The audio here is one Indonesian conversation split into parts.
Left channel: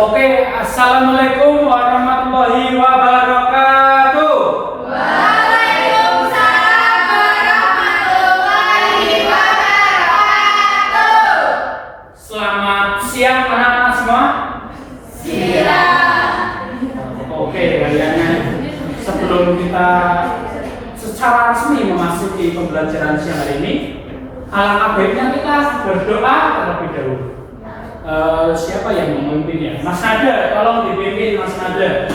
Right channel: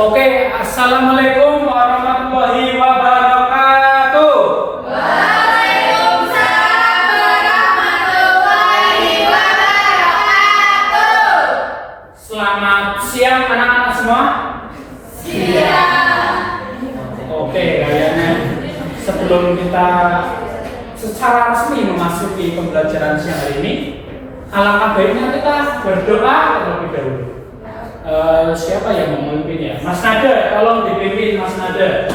Oke, assalamualaikum warahmatullahi wabarakatuh. Waalaikumsalam warahmatullahi wabarakatuh. Selamat siang anak-anak semua. Siang. Oke, kayaknya sebelum kita secara resmi memasuki pembelajaran siang hari ini, alangkah baiknya kita berdoa terlebih dahulu. Siapa yang memimpin ya? Mas Nada, tolong dipimpin Mas Nada.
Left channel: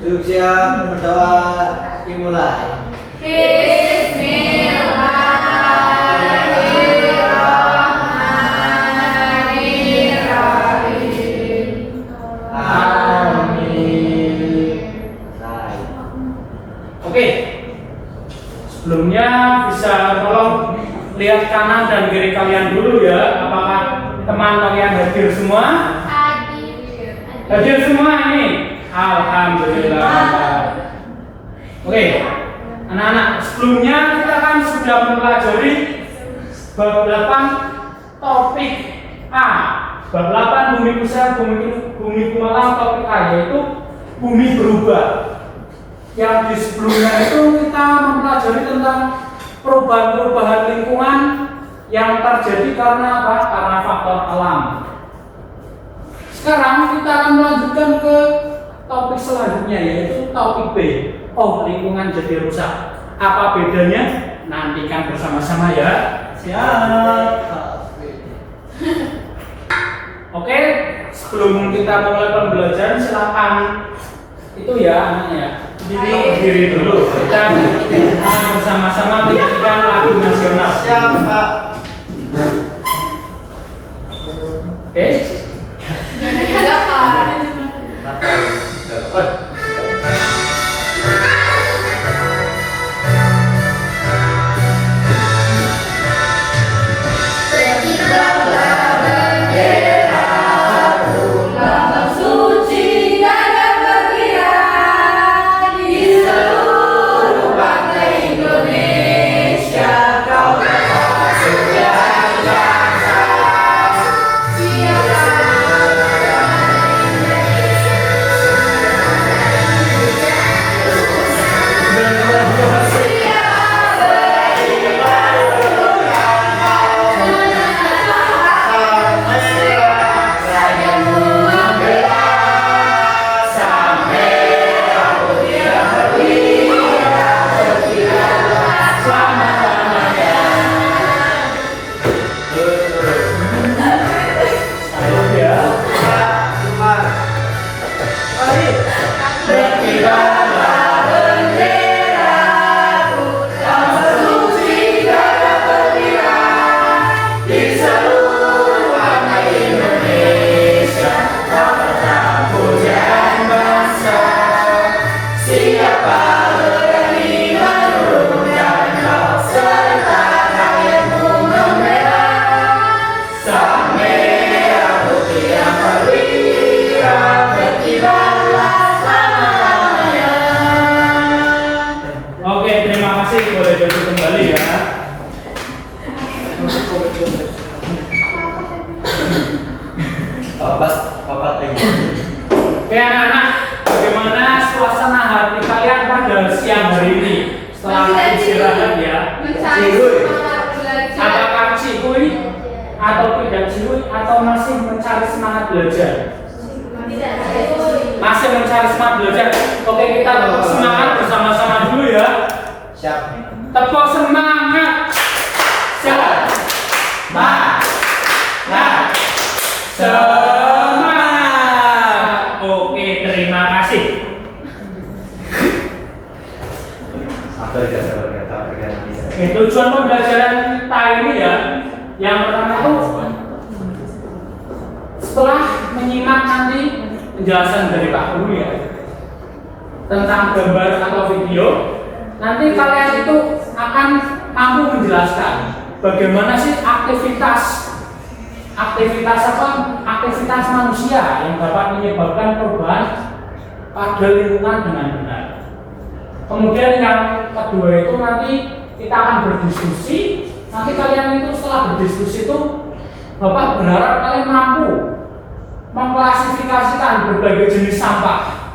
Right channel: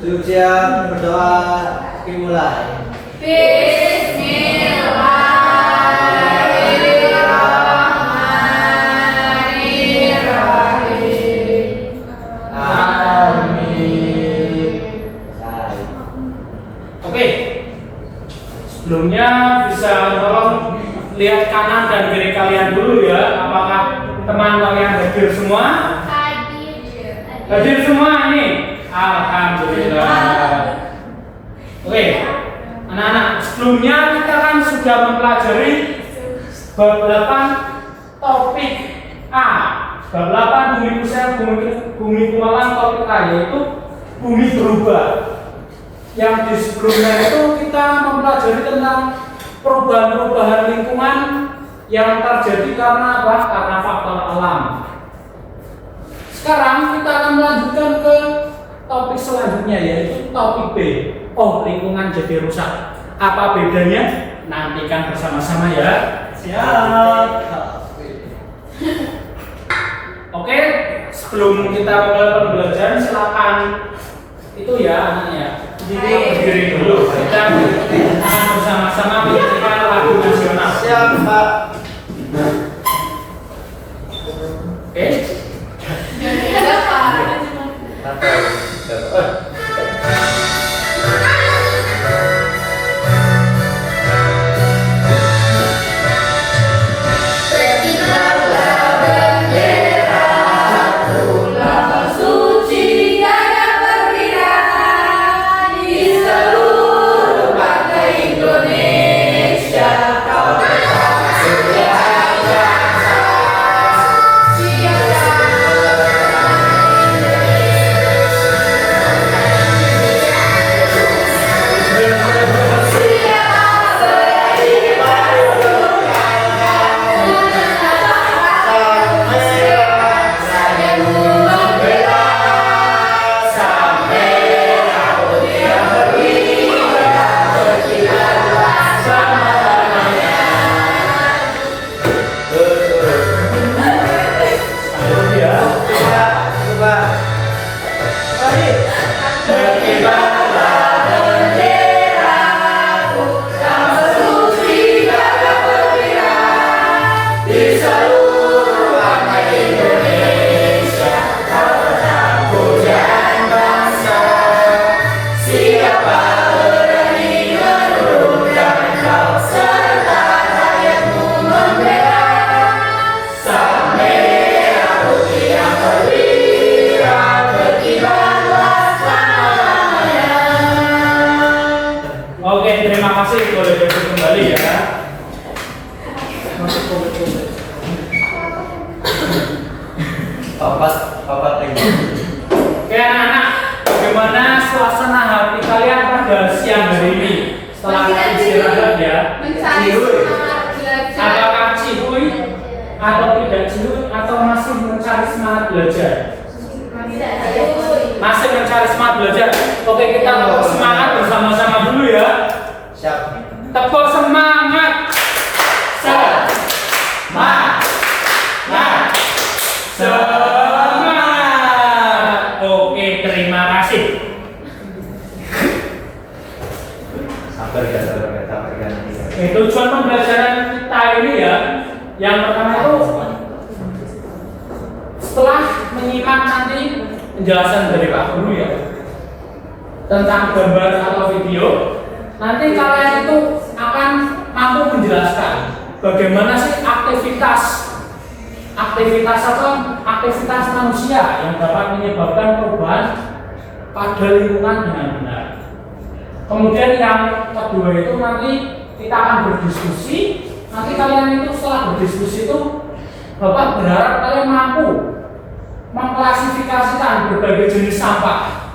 Duduk siap, berdoa, dimulai. Bismillahirrahmanirrahim. Amin. Oke, sebelumnya bisa tolong lihat kanan dan kiri kalian dulu ya. Apakah teman-teman yang hadir semua? Hadir semua nih. Alhamdulillah. Oke, anak-anak, sebelumnya kita kan sudah mempelajari bab 8 topik A. Bab 8 bumi pusat, bumi pumalang, topik A yaitu bumi berubah. Yang di sebelumnya itu kita mempelajari tentang perubahan-perubahan lingkungan yang terjadi karena apa? Karena faktor alam. Sekarang kita akan melanjutkan ke topik selanjutnya yaitu topik B. Oh, lingkungan jadi rusak. Apa bedanya? Nantikan bersama-sama ya. Siap. Oke, sebelum kita mulai pembelajaran silakan itu ya anaknya. Berdiri dulu. Kita bersama-sama menyanyikan lagu nasional. Siap, Pak. Oke. Oke, terima kasih. Boleh duduk kembali ya. Papat lagi. Oke anak-anak, bagaimana suasana hati kalian pada siang hari ini? Setelah istirahat ya. Apakah cihuy atau tidak cihuy atau masih mencari semangat belajar? Masih mencari semangat belajar. Oke, kita tepuk semangat bersama-sama dulu ya. Siap. Tepuk semangat. Semangat. Semangat. Oke, terima kasih. Sabar ya. Tujuan pembelajaran kita ini ya, yang pertama itu setelah menyimak nanti penjelasan dari Pak Guru ya tentang gambar atau video, nanti kalian itu akan mampu menjelaskan bagaimana sih aktivitas manusia yang dapat menyebabkan perubahan pada lingkungan dengan benar. Kemudian yang kedua itu nanti kita akan berdiskusi. Nanti kalian itu setelah berdiskusi itu Bapak berharap kalian mampu mengklasifikasikan berbagai jenis sampah.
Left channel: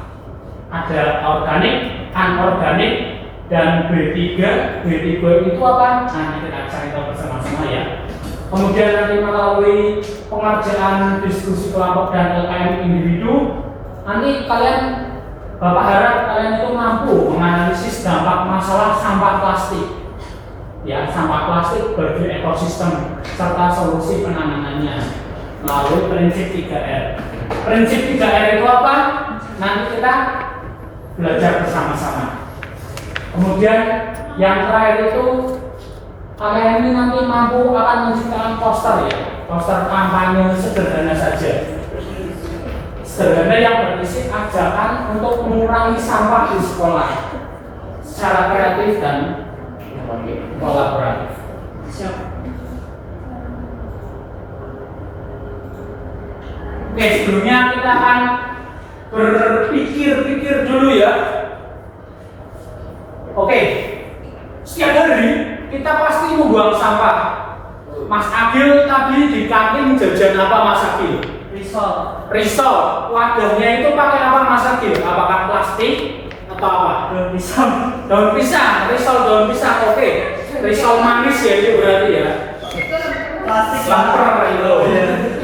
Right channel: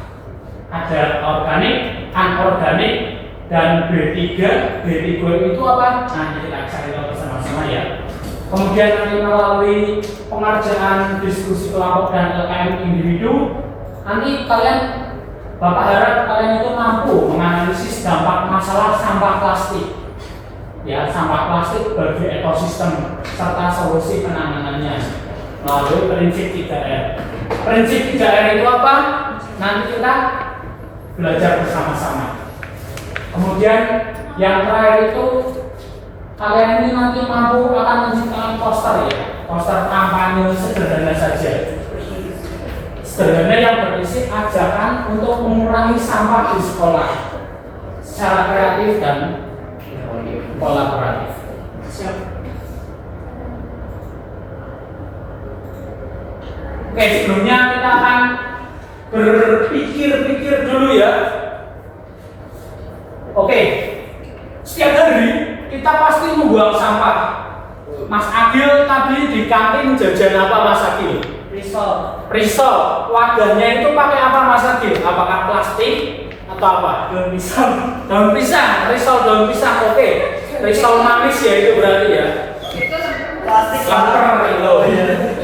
Ada organik, anorganik, dan B3. B3 itu apa? Nanti kita cari tahu bersama-sama ya. Kemudian nanti melalui pengerjaan diskusi kelompok dan LKM individu, nanti Bapak harap kalian itu mampu menganalisis dampak masalah sampah plastik. Ya, sampah plastik bagi ekosistem serta solusi penanganannya melalui prinsip 3R. Prinsip 3R itu apa? Nanti kita belajar bersama-sama. Kemudian yang terakhir itu kalian ini nanti mampu akan menciptakan poster ya, poster kampanye sederhana saja. Sederhana yang berisi ajakan untuk mengurangi sampah di sekolah secara kreatif dan kolaboratif. Siap. Oke, sebelumnya kita akan berpikir-pikir dulu ya. Oke, setiap hari kita pasti membuang sampah. Mas Agil tadi di kantin jajan apa Mas Agil? Risol. Wadahnya itu pakai apa Mas Agil? Apakah plastik atau apa? Daun pisang. Daun pisang. Risol daun pisang. Oke. Risol manis ya itu berarti ya. Plastik Lemper itu.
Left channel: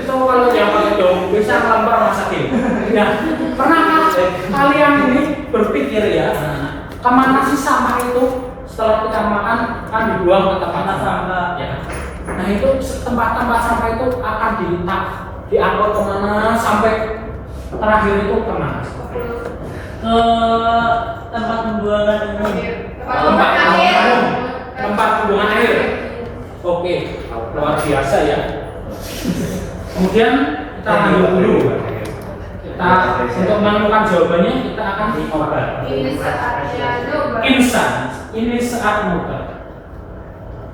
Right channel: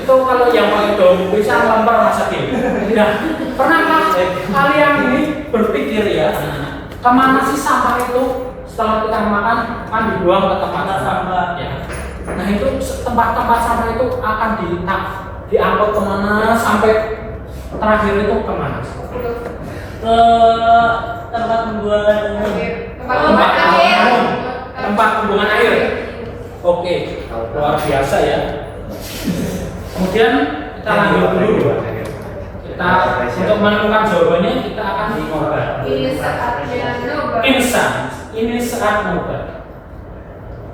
Itu kalau yang pakai daun pisang lemper Mas Agil. Nah, pernahkah kalian ini berpikir ya, kemana sih sampah itu setelah kita makan akan dibuang ke tempat sampah? Ya. Nah itu tempat-tempat sampah itu akan diangkut kemana sampai terakhir itu kemana? Ke tempat pembuangan umum. Tempat pembuangan air. Oke, luar biasa ya. Kemudian kita lanjut dulu. Kita untuk menemukan jawabannya kita akan dicoba. Insan. Ini saat nobar.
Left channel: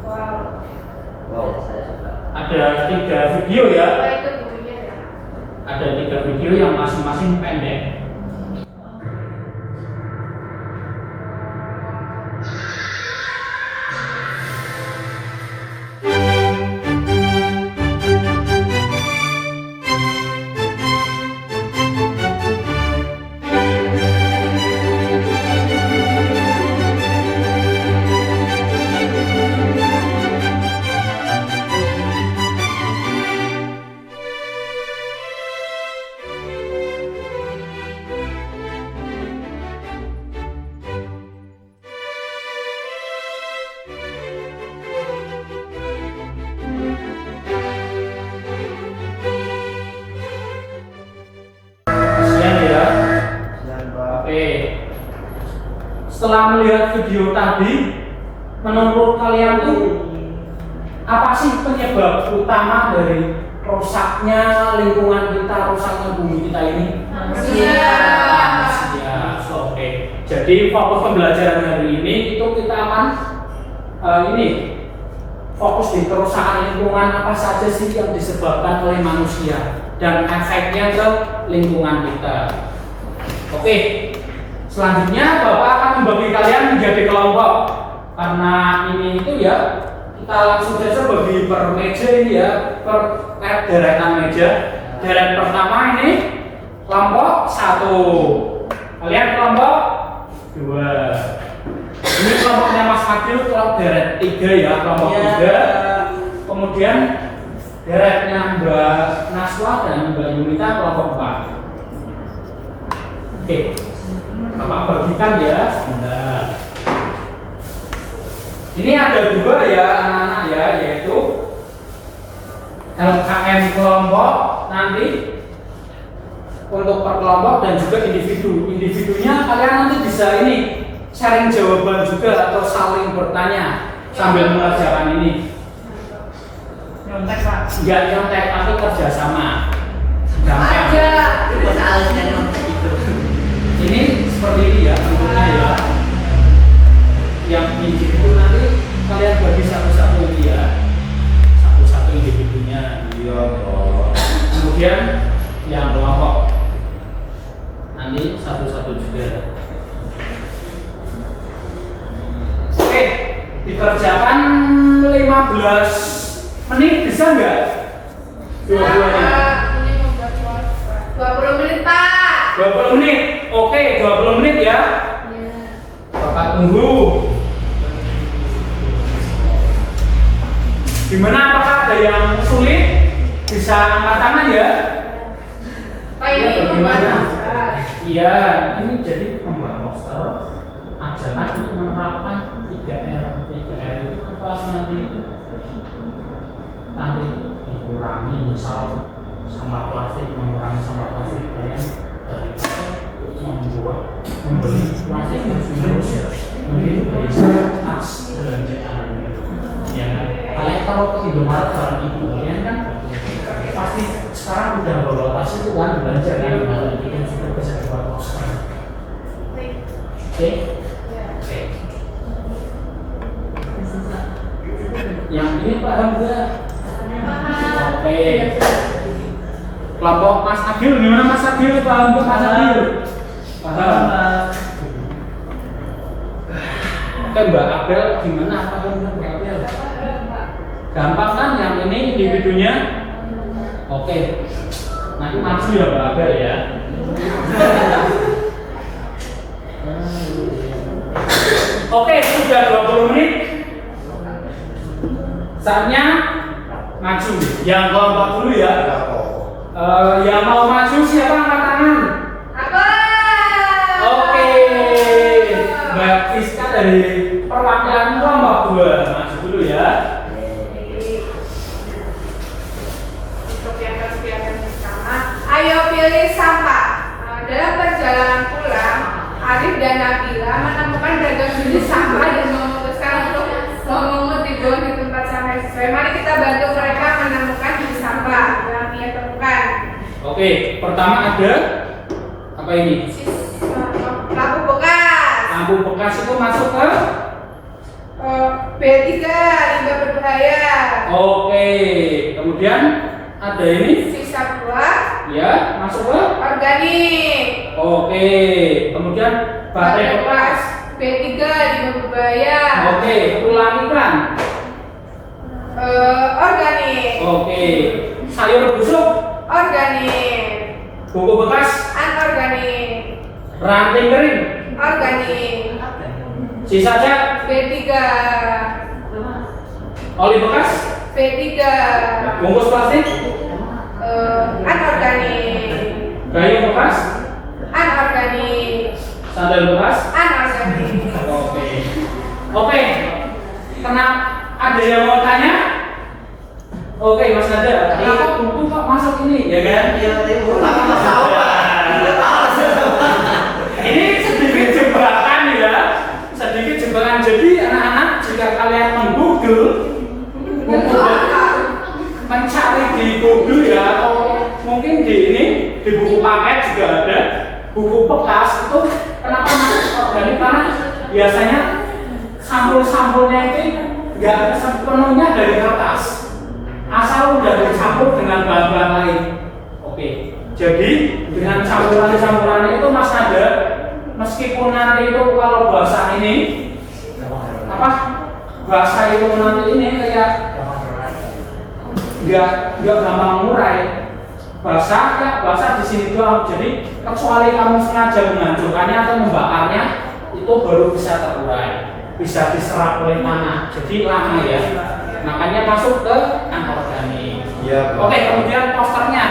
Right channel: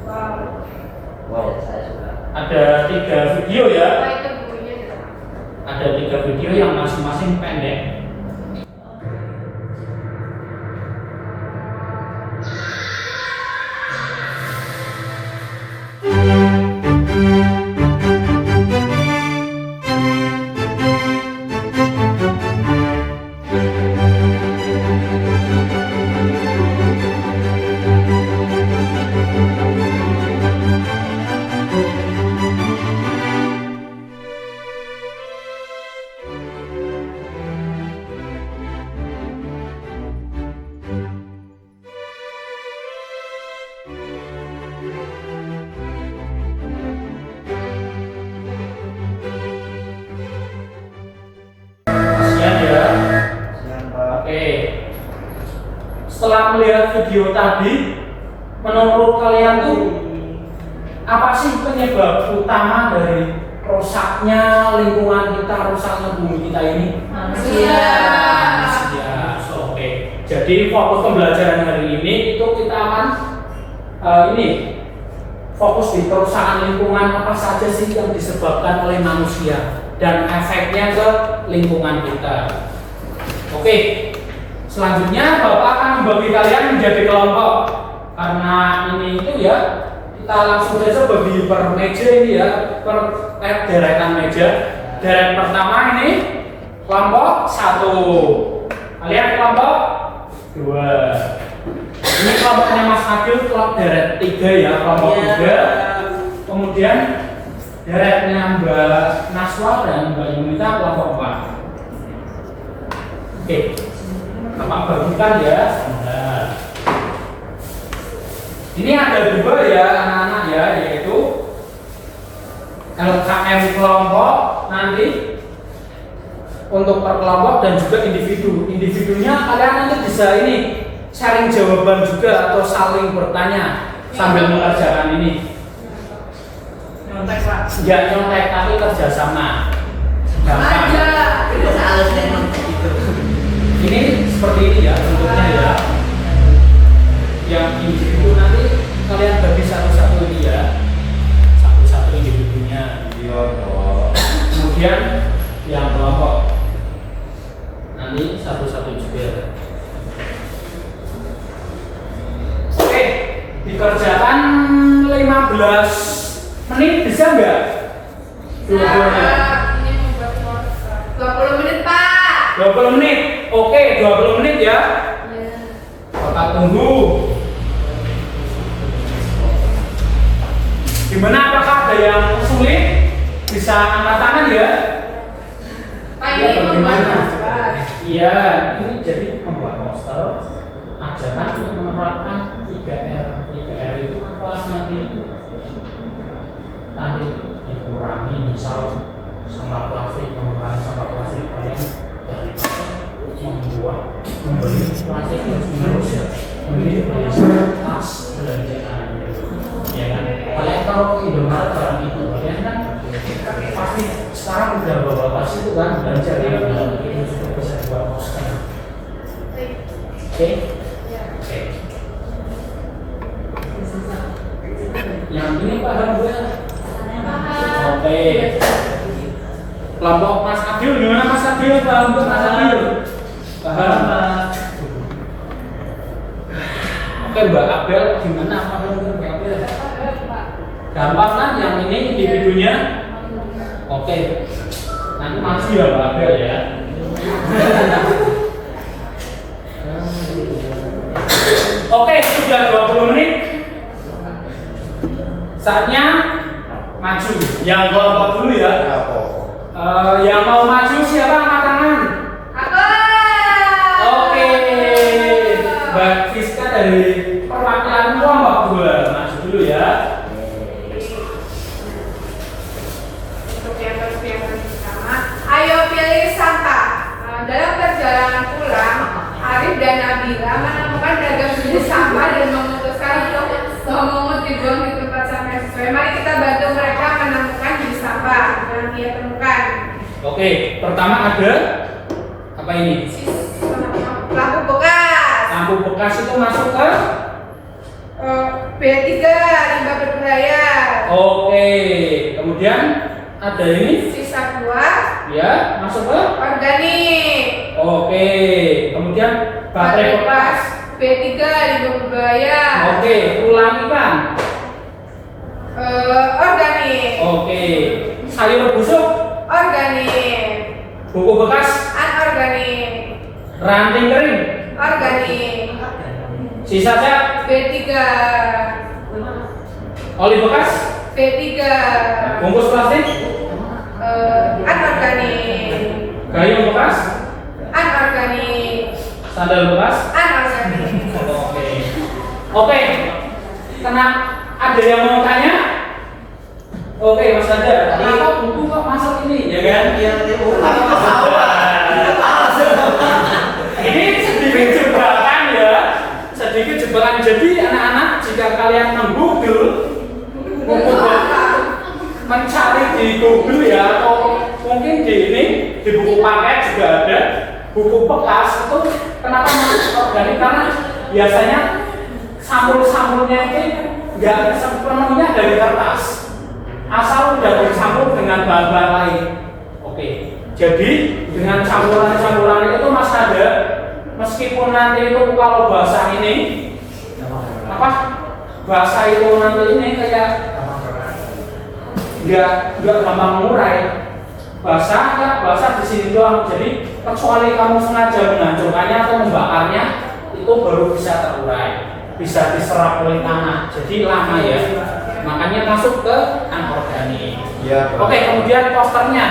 Wow. Ada 3 video ya. Ada 3 video yang masing-masing pendek. Setelah melihat video tadi, menurut kalian tuh apa sih penyebab utama dari rusaknya lingkungan kita, rusaknya bumi kita ini? Manusia. Oke. Jadi fokus pembelajaran hari ini itu kita akan fokus di kerusakan lingkungan apa saja sih yang disebabkan oleh manusia dan efeknya ke lingkungan kita. Oke. Selanjutnya Bapak akan membagi kalian menjadi kelompok. Karena ini itu ya, kita langsung saja bagi per meja ini ya, per deretan meja. Deret pertama ini kelompok 1. Kalian kelompok 2. Ini kelompoknya Mas Agil kelompok deret 3 ya, kelompok 3. Kemudian deretnya Mbak Naswa dan Mbak Yunita kelompok 4. Oke. Bapak bagikan ya. Nah. Ini ada 2 ya anak-anak ya, yaitu LKM kelompok nanti untuk per kelompok dan juga individu. Individunya kalian nanti bisa ini sharing jawaban juga atau saling bertanya sambil mengerjakan ini. Nyontek Pak. Enggak nyontek tapi kerjasama. Gampang. Ini seperti ini ya bentuknya ya. Yang individu nanti kalian bagi satu-satu ini ya, satu-satu individunya. Iya, Pak. Kemudian yang kelompok nanti satu-satu juga. Oke, dikerjakan 15 menit bisa nggak? Dua-duanya. 20 menit. Oke, 20 menit ya. Bapak tunggu. Gimana, apakah ada yang sulit? Bisa angkat tangan ya? Pak, ini Bagaimana? membuat Iya, ini jadi membuat poster ajakan untuk menerapkan 3R. 3R itu kan kelas nanti dikurangi, misal sampah plastik, mengurangi sampah plastik kalian daripada membuat membeli plastik terus menerus ya, mungkin bisa tas belanjaan ya kan. Kalian kalau ke Indomaret barang itu kalian kan pasti sekarang udah bawa tas itu kan belanja kan, itu sudah bisa dibuat poster. Oke. Yang ini paham gue. Oke. Kelompok Mas Adil, gimana Mas Adil? Paham tuh Mas Adil? Paham. Oke Mbak Abel, gimana paham tuh Mbak Abel? Gampang kan yang ini individunya? Oke. Nanti maju ya Mbak Abel ya. Oke, sudah 20 menit. Saatnya maju. Yang kelompok dulu ya. Yang mau maju siapa angkat tangan? Aku. Oke. Mbak Fiska dari perwakilan kelompok 2 maju dulu ya. Untuk yang pertama, ayo pilih sampah. Dalam perjalanan pulang, Arif dan Nabila menemukan beragam jenis sampah dan memutuskan untuk memungut dibuang di tempat sampah sesuai. Mari kita bantu mereka menemukan jenis sampah yang dia temukan. Oke, pertama ada apa ini? Lampu bekas. Lampu bekas itu masuk ke? B3, limbah berbahaya. Oke, kemudian ada ini? Sisa buah. Ya, masuk ke? Organik. Oke, kemudian baterai bekas. B3, limbah berbahaya. Oke, ulang ikan. Organik. Oke, sayur busuk. Organik. Buku bekas. Anorganik. Ranting kering. Organik. Sisa cat. B3. Oli bekas. B3. Bungkus plastik. Anorganik. Gayung bekas. Anorganik. Sandal bekas. Anorganik. Oke. Oke. Kena ada yang mau tanya? Oke, Mas Anda. Tadi kok buku kok masuk ini, ya kan? Iya, tadi ulang Ini sedikit jebakan ya. Sedikit jebakan. Jadi anak-anak jika kalian meng-Google mencari di Google ya, atau mungkin di ini di buku paket juga ada buku bekas itu kenapa masuk organik, karena biasanya sampul-sampulnya itu nggak sepenuhnya dari kertas, asal udah dicampur dengan bahan-bahan lain. Oke, jadi dengan campuran-campuran itu Mas ada, meskipun nanti itu kalau bahasa ini apa bahasa itu nanti ini kayak nggak gampang mengurai, bahasa di sini doang. Jadi kecuali kamu sengaja menghancurkannya atau membakarnya, itu baru bisa terurai, bisa diserap oleh tanah. Jadi lama ya, makanya masuk ke anorganik. Iya. Oke, kemudian posternya.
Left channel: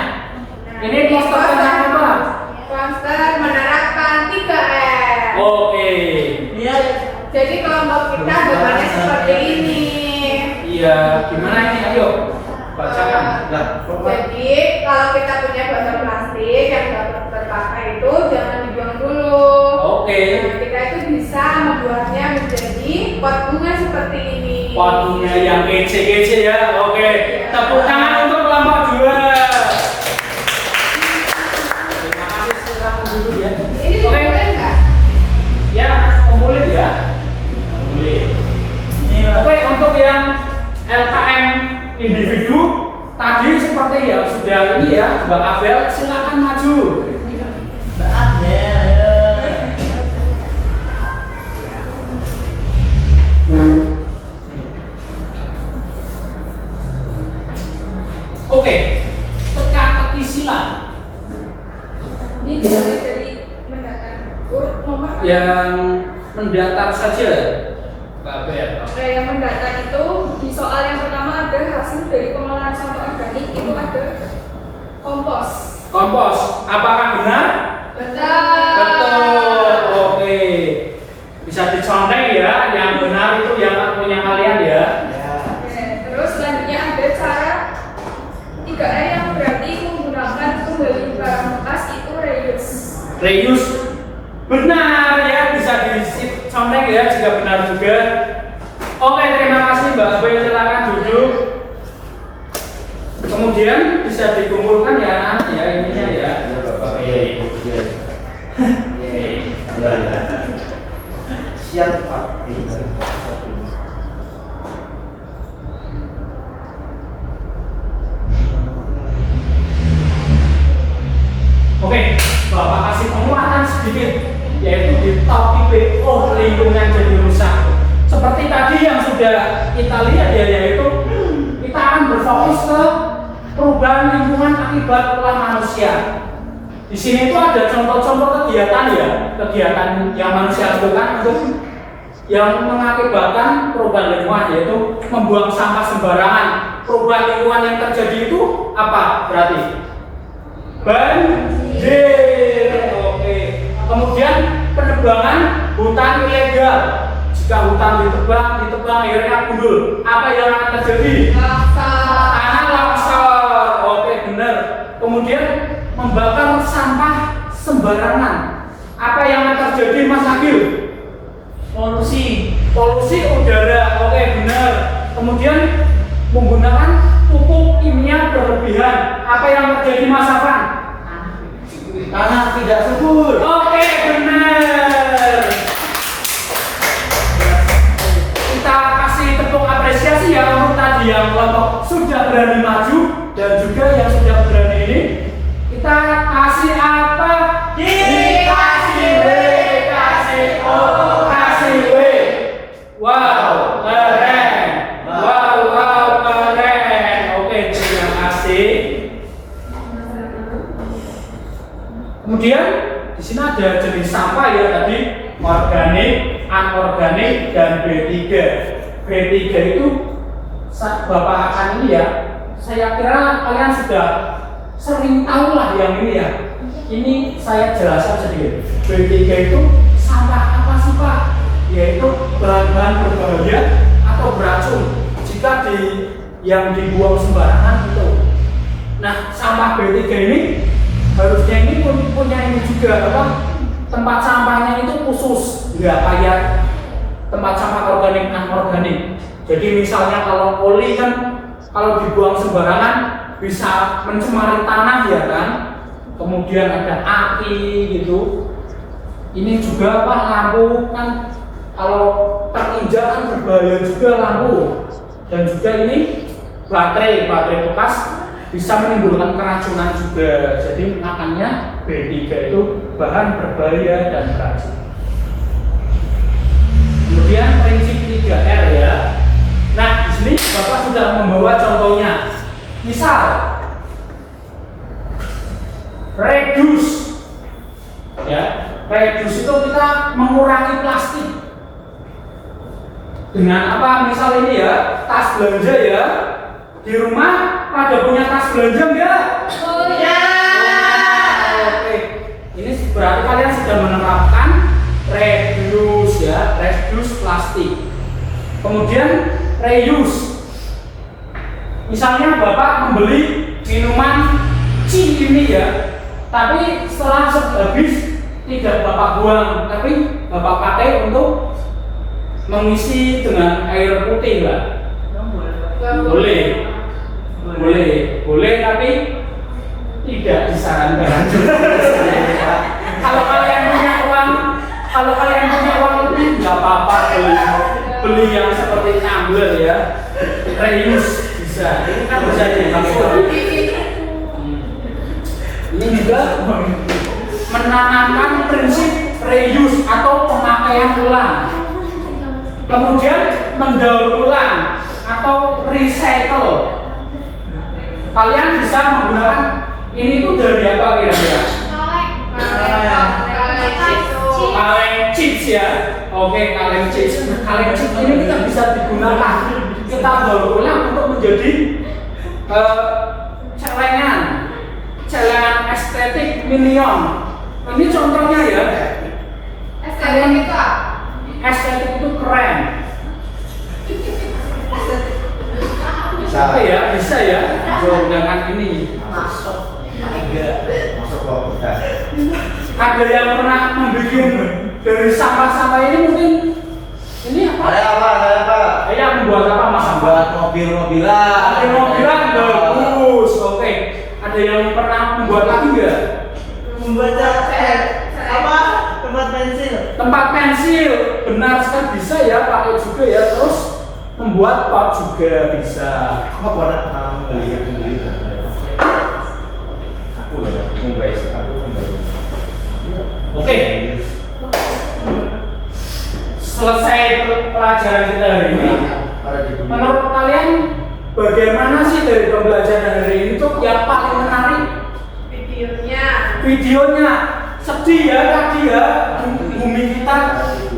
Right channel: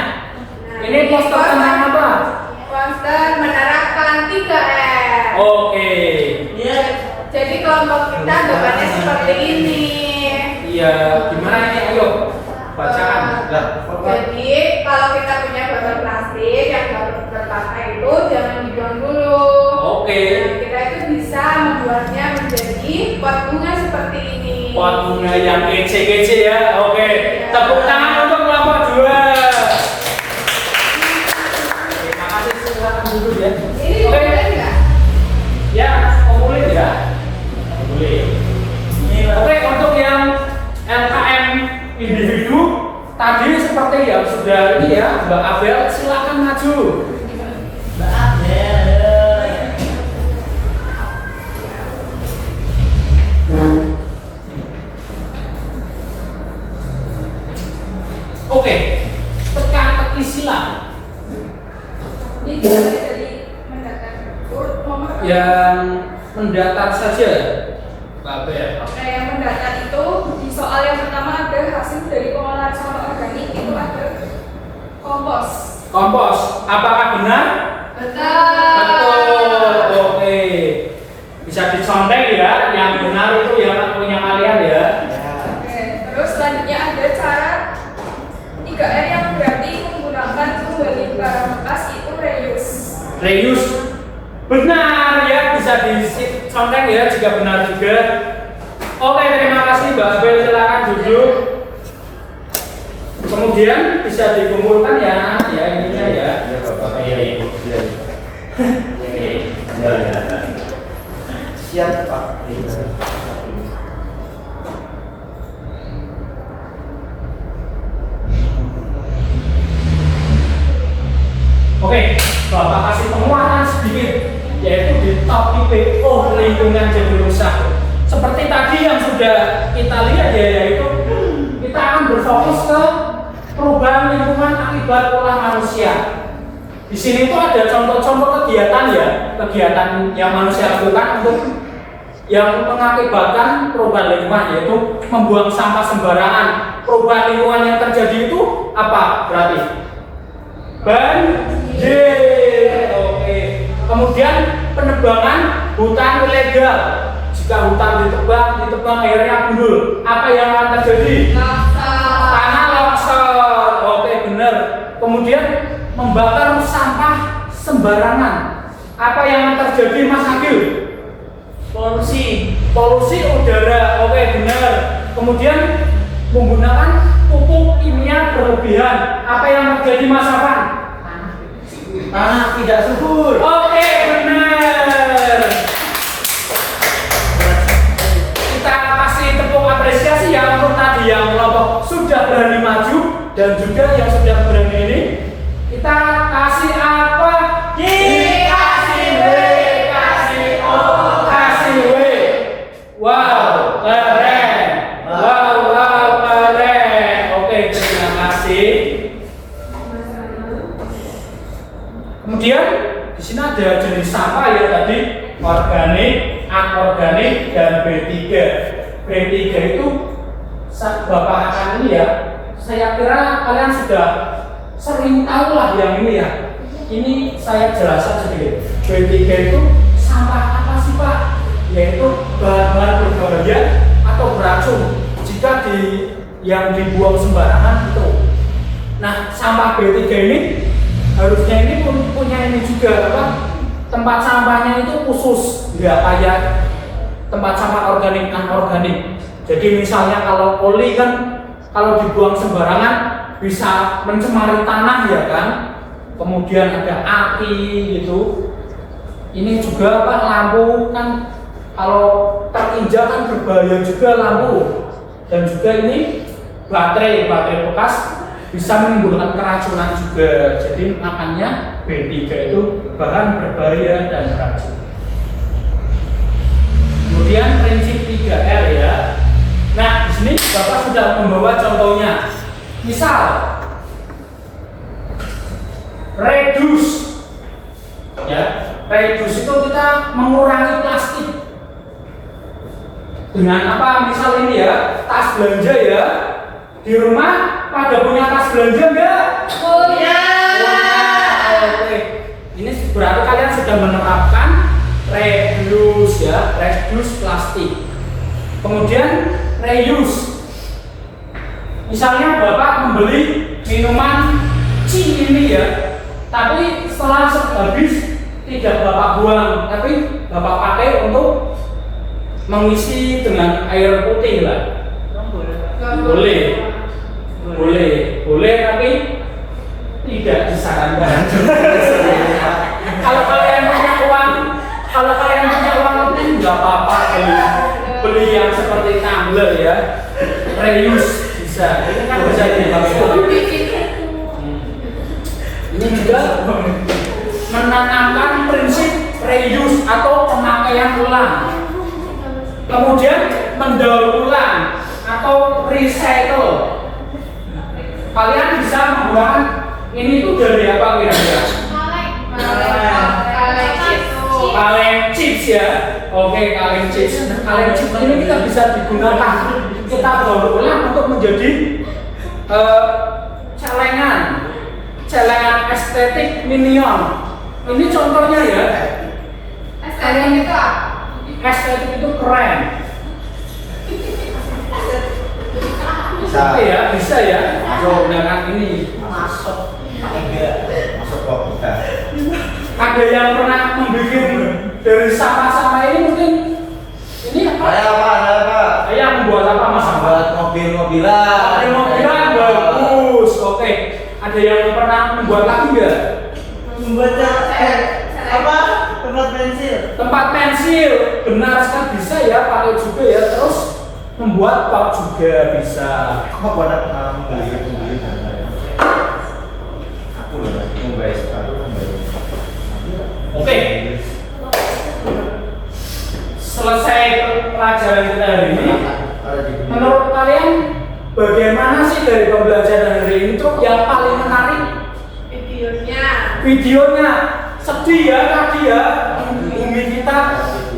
Ini poster tentang apa? Poster menerapkan 3R. Oke. Iya. Jadi kelompok kita gambarnya seperti ini. Iya, gimana ini? Ayo bacakan. Jadi kalau kita punya botol plastik yang baru terpakai itu jangan dibuang dulu. Oke. Nah, kita itu bisa membuatnya menjadi pot bunga seperti ini. Pot bunga yang kece-kece ya. Oke. Tepuk tangan untuk kelompok 2. Terima kasih, silakan duduk ya. Ini Oke. boleh nggak? Ya, kumpulin ya. Kumpulin. Oke, untuk yang LKM individu tadi seperti yang sudah ini ya, Mbak Abel silakan maju. Mbak Abel. Oke, teka-teki silang. Ini bisa jadi yang mendatar saja, Mbak Bel. Oke, yang mendatar itu di soal yang pertama ada hasil dari pengolahan sampah organik itu ada kompos. Kompos, apakah benar? Betul. Oke. Bisa dicontek ya, yang benar itu yang punya kalian ya. Oke, terus selanjutnya ada cara 3R yang berarti menggunakan kembali barang bekas itu reuse. Reuse. Benar ya, bisa dicontek ya jika benar juga. Oke, terima kasih Mbak Abel, silakan duduk. Kemudian bisa dikumpulkan ya, ininya ya. Ya, Bapak. Iya, iya. Ya, ya. Siap, Pak. Oke, Bapak kasih penguatan sedikit, yaitu di topik PO lingkungan jadi rusak. Seperti tadi yang sudah kita lihat ya, yaitu kita akan berfokus ke perubahan lingkungan akibat ulah manusia. Di sini itu ada contoh-contoh kegiatan ya, kegiatan yang manusia lakukan untuk yang mengakibatkan perubahan lingkungan, yaitu membuang sampah sembarangan. Perubahan lingkungan yang terjadi itu apa berarti? Banjir. Oke. Kemudian penebangan hutan ilegal. Jika hutan ditebang akhirnya gundul. Apa yang akan terjadi? Tanah longsor. Oke, benar. Kemudian membakar sampah sembarangan. Apa yang akan terjadi, Mas Agil? Polusi udara. Oke, benar. Kemudian menggunakan pupuk kimia berlebihan. Apa yang terjadi, Mas Afan? Tanah tidak subur. Oke, benar. Kita kasih tepuk apresiasi ya untuk tadi yang kelompok sudah berani maju dan juga yang sudah berani ini. Kita kasih apa? Dikasih W, kasih O, kasih W. Wow, keren. Wow, keren. Oke, terima kasih. Kemudian di sini ada jenis sampah ya tadi, organik, anorganik, dan B3. B3 itu Bapak akan ini ya. Saya kira kalian sudah sering tahu lah yang ini ya. Ini saya jelaskan sedikit. B3 itu sampah apa sih Pak? Yaitu bahan-bahan berbahaya atau beracun jika yang dibuang sembarangan itu. Nah, sampah B3 ini harusnya ini punya ini juga apa? Tempat sampahnya itu khusus, nggak kayak tempat sampah organik anorganik. Jadi misalnya kalau oli kan kalau dibuang sembarangan bisa mencemari tanah ya kan. Kemudian ada api gitu. Ini juga apa, lampu kan kalau terinjak kan berbahaya juga lampu. Dan juga ini baterai bekas bisa menimbulkan keracunan juga. Jadi makanya B3 itu bahan berbahaya dan beracun. Kemudian prinsip 3R ya. Nah, di sini Bapak sudah membawa contohnya. Misal reduce. Ya, reduce itu kita mengurangi plastik. Dengan apa? Misal ini ya, tas belanja ya. Di rumah pada punya tas belanja enggak? Punya. Oke. Ini berarti kalian sudah menerapkan reduce ya, reduce plastik. Kemudian reuse. Misalnya Bapak membeli minuman ini ya, tapi setelah habis tidak Bapak buang, tapi Bapak pakai untuk mengisi dengan air putih lah. Boleh, tapi tidak disarankan. Kalau kalian punya uang lebih nggak apa-apa beli yang seperti tumbler ya, reuse bisa. Ini kan bisa dipakai. Ini juga menanamkan prinsip reuse atau pemakaian ulang. Kemudian mendaur ulang atau recycle. Kalian bisa menggunakan ini tuh dari apa kira-kira? kaleng chips ya. Oke, kaleng chips. Nah, kaleng chips ini kita bisa digunakan. Kita daur ulang untuk menjadi celengan estetik minion. Ini contohnya ya. Estetik itu apa? Estetik itu keren. Bisa. Bisa ya. Dengan ini. Masuk. Masuk kok. Ada yang pernah membuat dari sampah-sampah ini mungkin ini apa? Ada apa? Yang membuat apa mas? Buat mobil-mobilan. Mobil-mobilan bagus. Oke. Ada yang pernah membuat lagi nggak? Membuat apa? Tempat pensil. Tempat pensil, benar sekali bisa ya, pakai juga ya. Terus membuat pot juga bisa. Kok pada beli. Aku loh, Mumbai aku kembali. Oke. Selesai pelajaran kita hari ini. Menurut kalian bagaimana sih dari pembelajaran hari ini tuh yang paling menarik? Videonya sedih ya tadi ya, bumi kita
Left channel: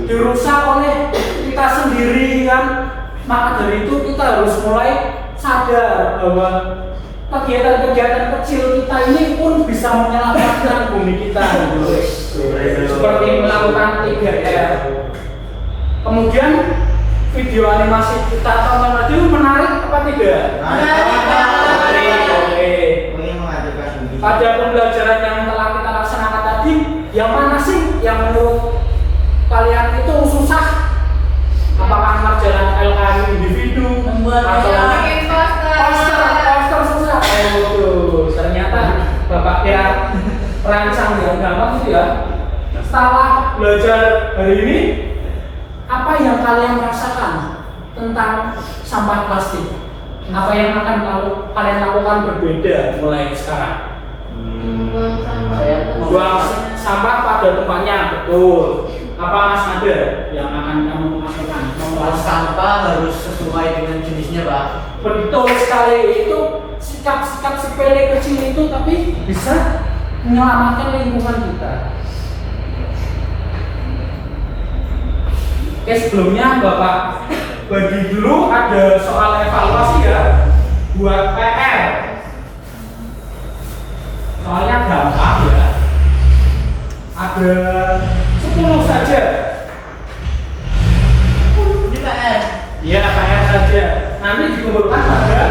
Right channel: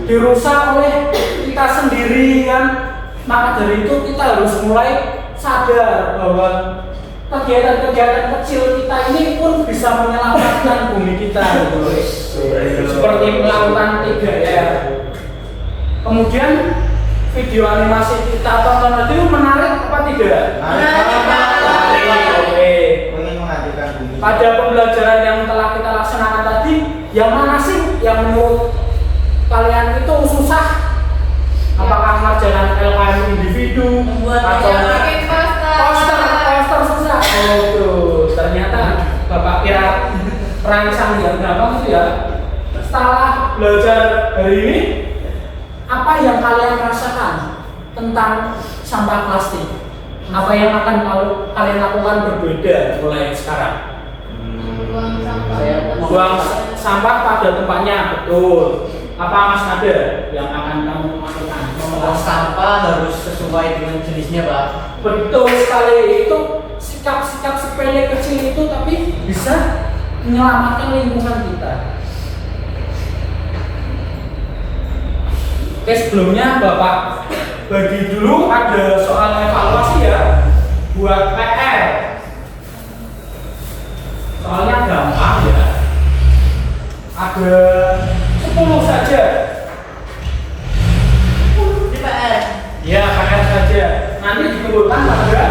dirusak oleh kita sendiri kan. Maka dari itu kita harus mulai sadar bahwa kegiatan-kegiatan kecil kita ini pun bisa menyelamatkan bumi kita gitu. Seperti melakukan 3R. Kemudian video animasi kita tonton tadi menarik apa tidak? Oke. Pada pembelajaran yang telah kita laksanakan tadi, yang mana sih yang menurut kalian itu susah? Apakah ngerjain LKM individu atau poster susah? Oh tuh, ternyata Bapak kira perancang yang gampang itu ya. Setelah belajar hari ini, apa yang kalian rasakan tentang sampah plastik? Apa yang akan kalian lakukan berbeda mulai sekarang? Buang sampah pada tempatnya, betul. Apa Mas Nada yang akan kamu lakukan? Mengolah sampah harus sesuai dengan jenisnya, Pak. Betul sekali, itu sikap-sikap sepele kecil itu tapi bisa menyelamatkan lingkungan kita. Oke, sebelumnya Bapak bagi dulu ada soal evaluasi ya buat PR. Soalnya gampang ya. Ada 10 saja. Ini PR. Ya, PR saja. Nanti dikumpulkan pada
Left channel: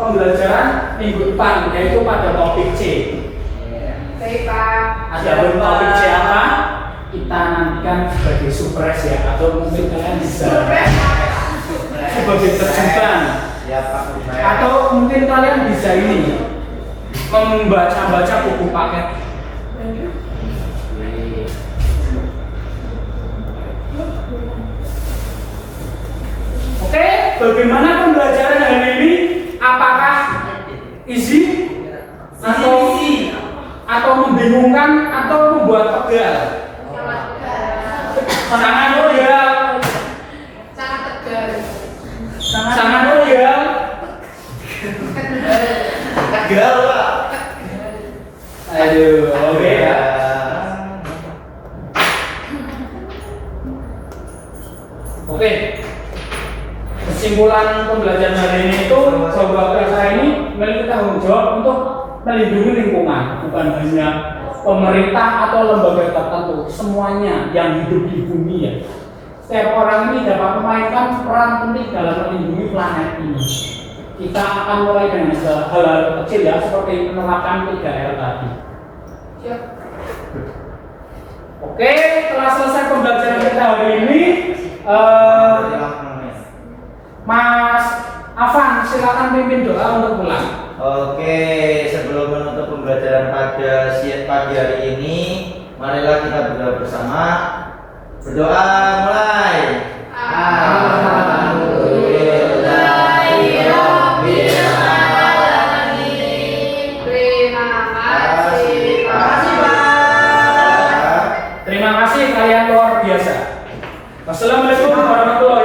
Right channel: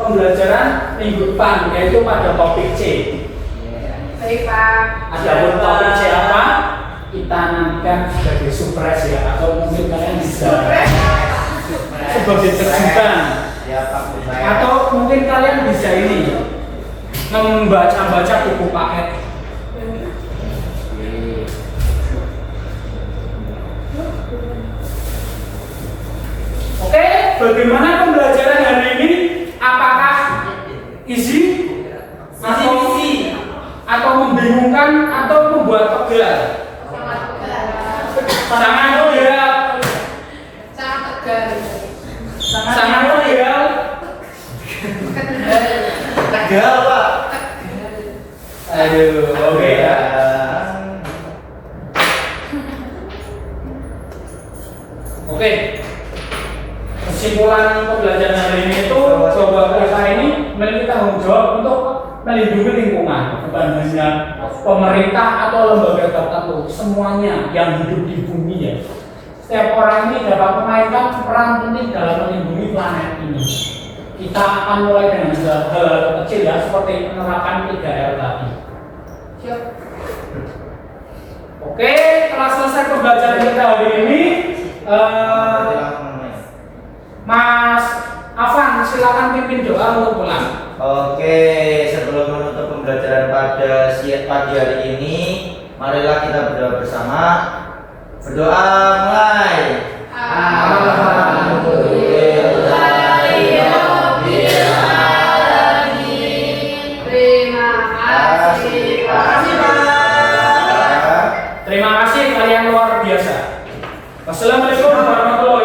pembelajaran minggu depan yaitu pada topik C. Baik Pak. Adapun topik C apa? Kita nantikan sebagai surprise ya, atau mungkin kalian bisa sebagai terjunkan, atau mungkin kalian bisa ini membaca buku paket. Oke, bagaimana pembelajaran hari ini? Apakah easy atau membingungkan atau membuat pegal? Sangat loyal. Sangat tegar. Sangat loyal. Tegal, Pak. Aduh, oke ya. Oke. Kesimpulan pembelajaran hari ini itu coba kita ini memiliki tanggung jawab untuk melindungi lingkungan, bukan hanya pemerintah atau lembaga tertentu, semuanya yang hidup di bumi ya. Setiap orang ini dapat memainkan peran penting dalam melindungi planet ini. Kita akan mulai dengan hal-hal kecil ya, seperti penerapan 3R tadi. Siap. Oke, telah selesai pembelajaran kita hari ini. Mas Afan, silakan pimpin doa untuk pulang. Oke, sebelum menutup pembelajaran pada siang pagi hari ini, marilah kita berdoa bersama. Berdoa mulai. Terima kasih kalian luar biasa. Wassalamualaikum warahmatullahi